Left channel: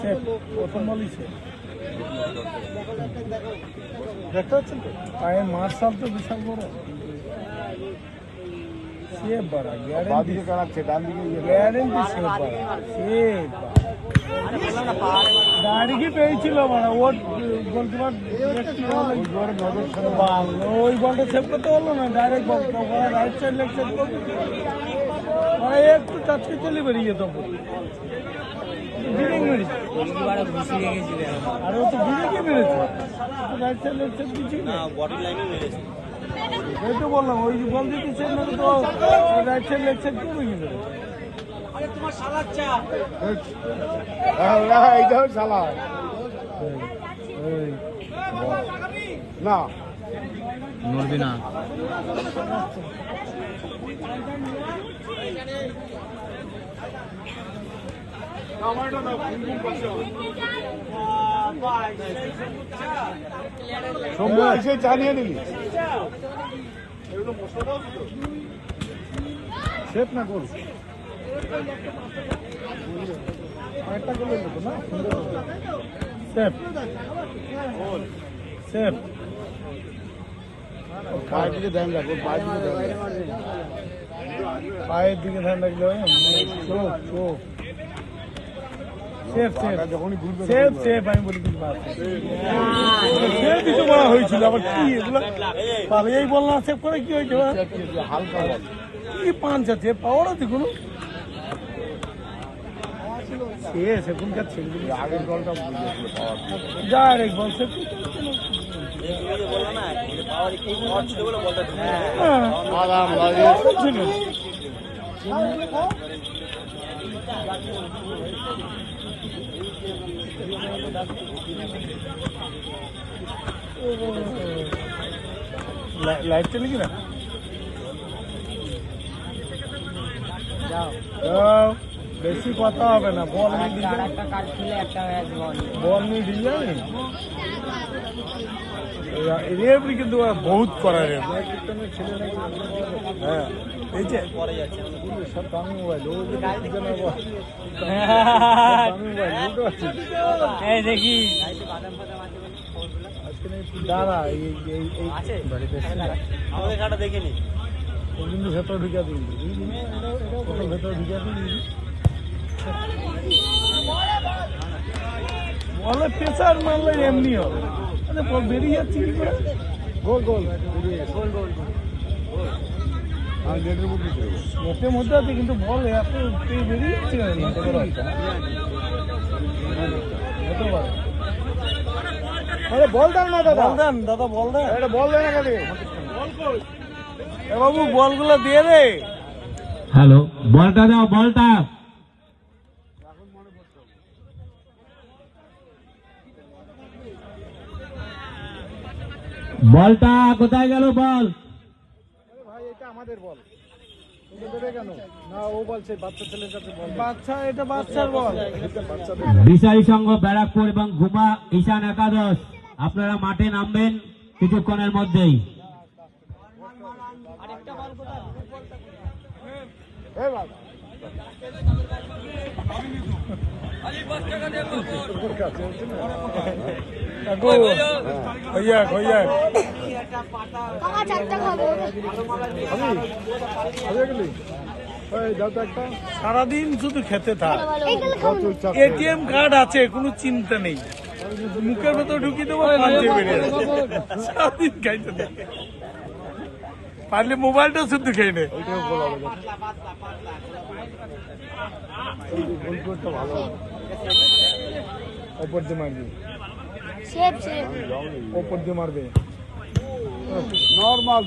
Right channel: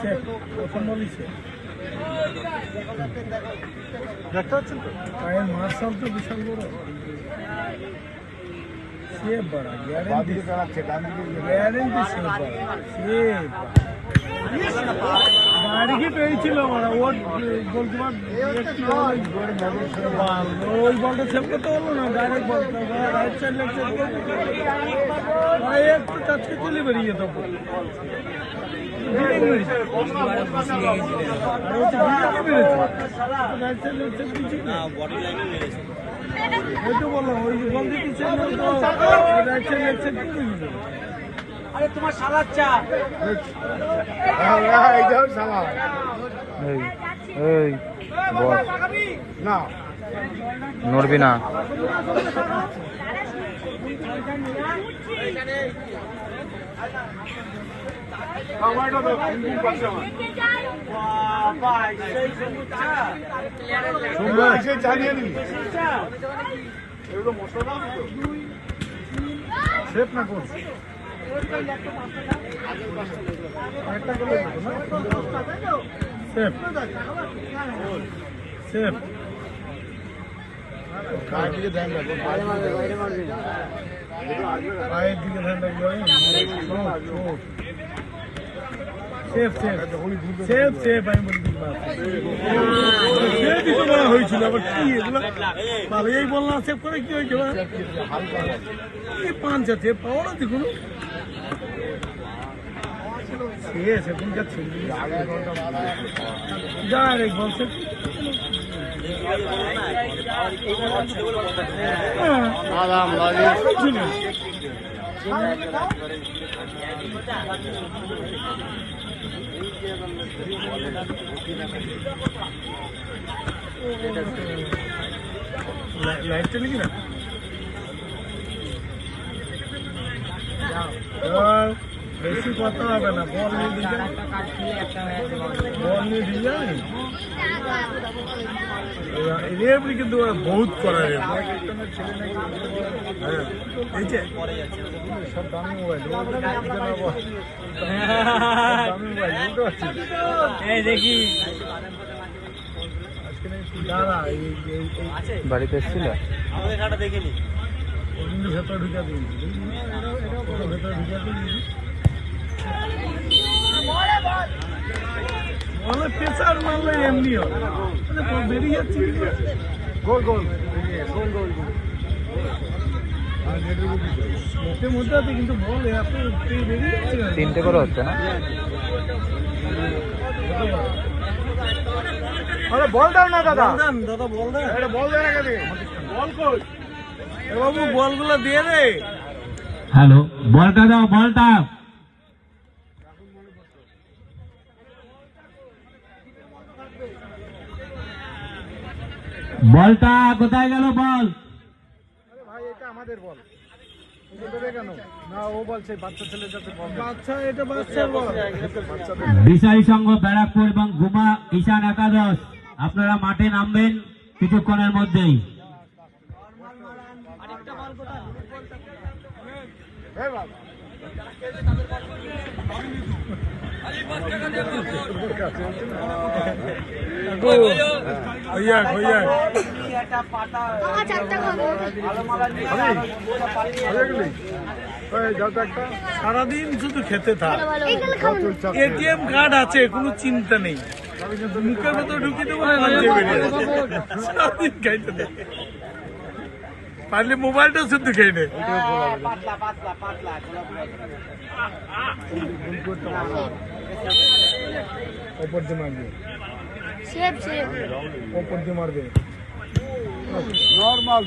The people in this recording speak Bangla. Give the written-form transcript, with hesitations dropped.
প্রথম বলই দেখতে পাচ্ছেন পায়ের মার্শাল তো বিশাল বড় সেফ বাড়া গ্যারেন্টি গ্যারেন্টি সেফ বাড়া সেফ বাড়ি পেয়েছিল মানে ওর গোলকিপার ওই বলটা সেভ করতে পারলো না direct right side leg save করতে একটু টাচকে চলে বেরিয়ে যেত বললাম ওই বল দিতে রাইট সাইড লেগ সেভ করে গেল আরে তোমার সালাচ্চা নড়বি না জানিয়ে নিবি সেফ সেফ পায়ের দিকে ধ্যান রাখো পায়ের দিকে ধ্যান রাখবো সেফ সেফ সেফ সেফ আমি বলি সেফই তো বলা হয়েছিল আবার কি এগুলো এই বললাম সেফ করে কি হয়েছে এই পাঁচ আছে পাওয়ারও দেখুন সেখানকার ছেলে ডাইরেক্ট বল সেফ লাইট চলে কি না বেশি কথা হবে না বল নিয়ে দিয়ে যাবে রেফারি কিন্তু বহুত করা রে হ্যাঁ এই দেখি দাঁড়া বাড়িতে এসেছিল আমাদের ঘাটা দেখিনি ভেতর ঢুকা দিবি ভেতর ঢুকা দিবি বলে প্রেসার মারলে এমনি হবে বেরিয়ে যাচ্ছে মুখের মধ্যে আছে কিন্তু বল এত বেরিয়ে যাচ্ছে তিনটে করে হচ্ছে না বল দেন না দাদা বল দেন দাদা বল দেন বল দেন এখানে বল কই বাবু বলগুলো দিয়ে দে হ্যালো বলটা দাও বলটা বলটা কোথায় গেল বল বাচ্চা এটা বাচ্চার বল বিশালী সংঘ ব্যারাকপুর এবং গুমা ঈশান একাদশ আপনারা মাঠে নামবেন কিছুক্ষণের মধ্যেই সারাদিন শুধু খেতে থাক এটিএম কার্ড আছে কোনো চিন্তা নেই মুখের ভেতর ঢুকিয়ে দেবো সারাদিন খাইতে থাক পারলে মোবাইলটা শুধু খেয়ে নে ওপর দিয়ে মারবে ওপর দিয়ে মারবে নর্মাল